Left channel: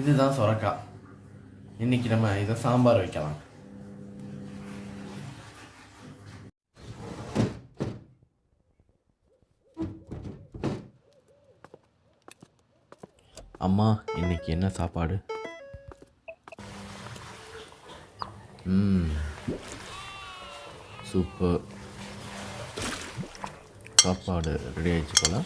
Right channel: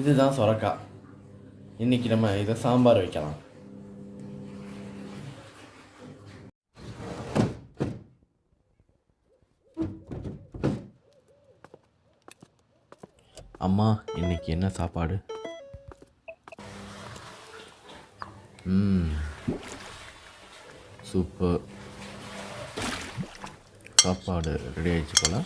இதுதான் சொரக்காய். இன்னைக்கு நம்ம இதை சாம்பார் வைக்கலாம். அம்மா, இன்னைக்கு என்ன சாப்பாடு? சூப்பர். சாப்பாடு ரெடி ஆயிடுச்சு போல.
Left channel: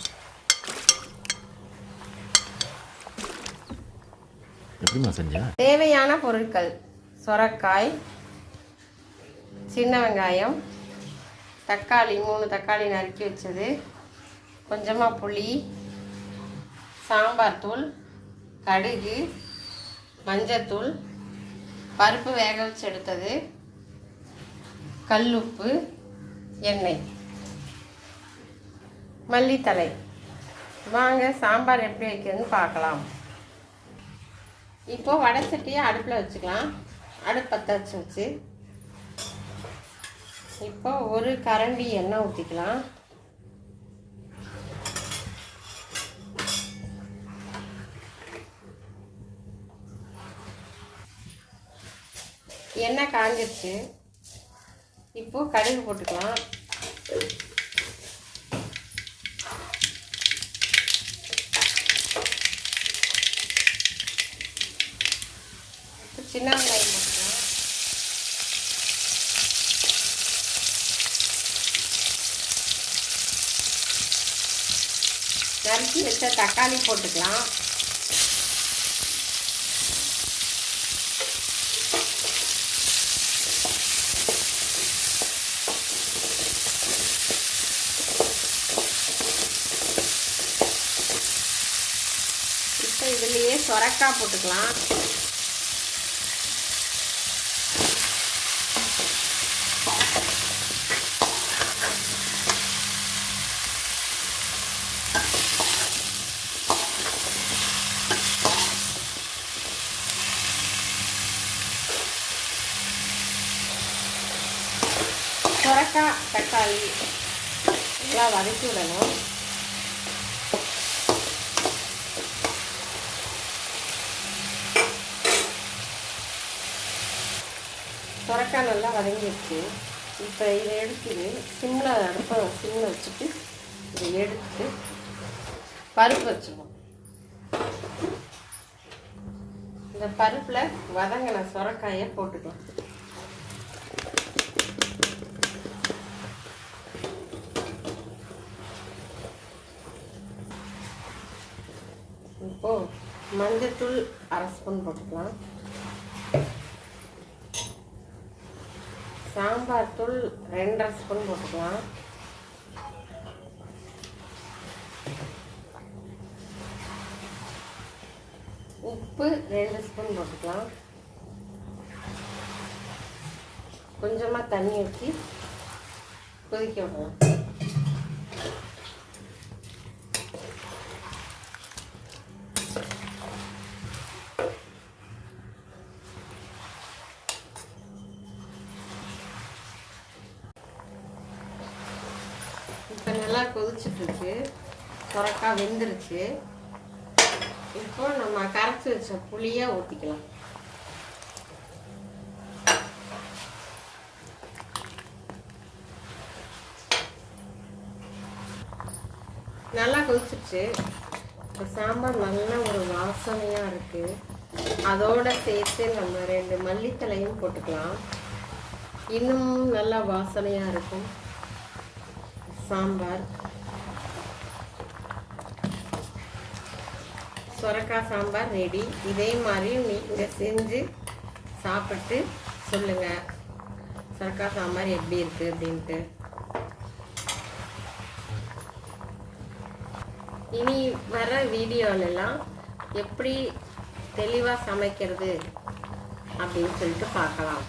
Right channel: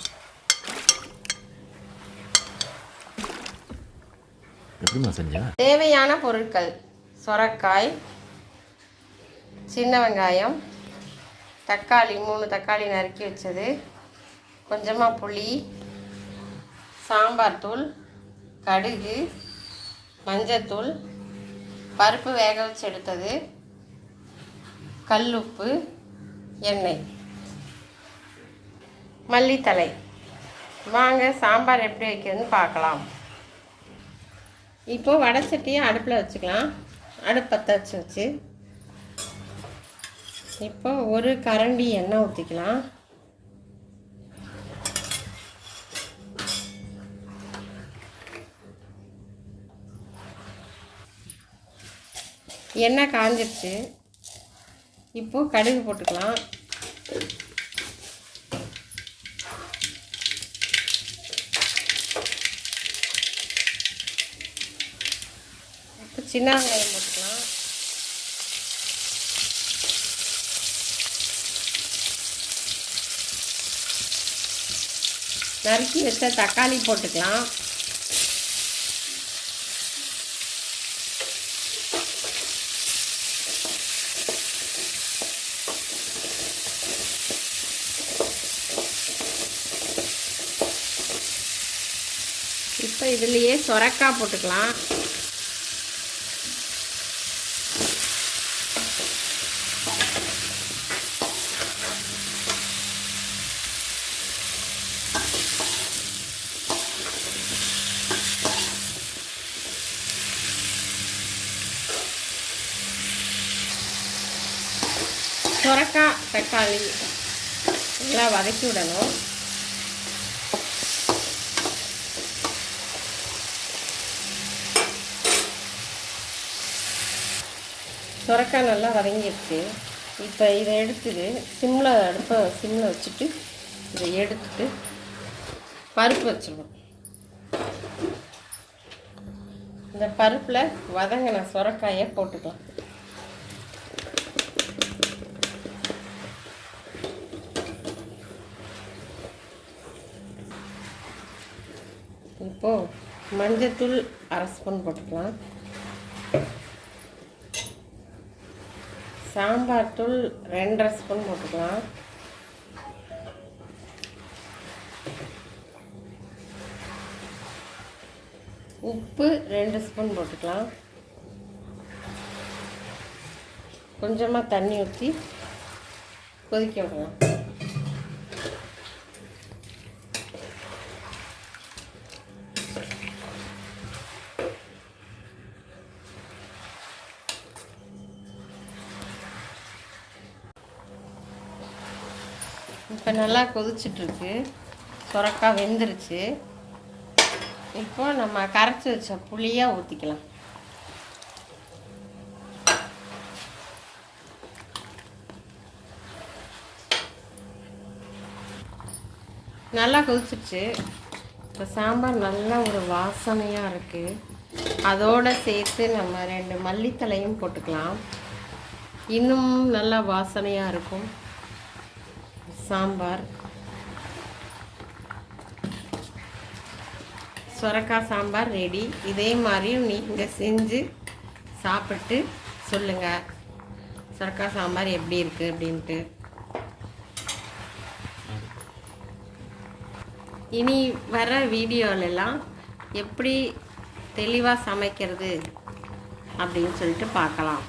எப்படிமா செஞ்சேன்? தேவையான பொருட்கள்: சொரக்காய், சின்ன வெங்காயம், தக்காளி 3 தக்காளி நறுக்கி வச்சது, கொஞ்சமாக புளி, சாம்பார் தூள், கடுகு, மஞ்சத்தூள், பருப்பு வேக வச்சு எடுத்தது, கல்லுப்பு, எண்ணெய், மல்லித்தழை. வாங்க சாம்பார் எப்படி வைக்கிறதுன்னு பார்க்கலாம். இப்போ வடை சட்டியை அடுப்பில் வச்சுக்கலாம். அடுப்பு பற்ற வச்சு இப்போ ஒரு கரண்டி எண்ணெய் ஊற்றிக்கலாம். எண்ணெய் காஞ்சிருச்சு. இப்போது கடுகு போட்டுக்கலாம். இப்போ சின்ன வெங்காயம் போட்டுக்கலாம். நறுக்கி வச்ச தக்காளி போட்டுக்கலாம். இப்போ இதுலேயே சொரக்காய் போட்டுக்கலாம். சொரக்காய் தக்காளி நல்லா வதக்கி விடணும். சொரக்காய் நல்லா வதங்கிடுச்சு. இப்போ இதை எடுத்துட்டு அடுப்பை சிம்மில் வச்சுட்டு இதை எடுத்துட்டு பருப்பு வச்சுக்கணும். இந்த பருப்பில் வதங்கின சொரக்காயை போட்டுக்கலாம். இப்போது மஞ்சத்தூள் 1/2 ஸ்பூன் போட்டுக்கலாம். சாம்பார் தூள் 2.5 ஸ்பூன் போட்டுக்கலாம். உப்பு 2 ஸ்பூன் போட்டுக்கலாம். கொஞ்சமாக தண்ணி ஊற்றி கொதிக்க விடலாம். இப்போ நல்லா கொதிச்சிட்ருக்கு. சொரக்காய் வெந்துருச்சு. இப்போ நம்ம கரைச்சி வச்ச புளியாக ஊற்றிக்கலாம். நல்லா கொதிச்சிருச்சு. இப்போ சாம்பார் நல்லா ஒரு வாசனையாக இருக்குது. அதோடு சேர்த்து நம்ம 2 மல்லித்தழையும் போட்டுக்கலாம். இன்னும் நல்லா வாசனையாக இருக்கும் சாம்பார். சொரக்காய் சாம்பார் ரெடி. இதே மாதிரி நீங்கள் செஞ்சு சாப்பிட்டு சொல்லுங்கள் சொரக்காய் சாம்பார் எப்படி இருக்குது அப்படின்ட்டு. இனி வர வீடியோலெல்லாம் எப்படி தெளிவாக சமைக்கிறது அப்படின்னு சொல்லிட்டு பார்க்கலாம்.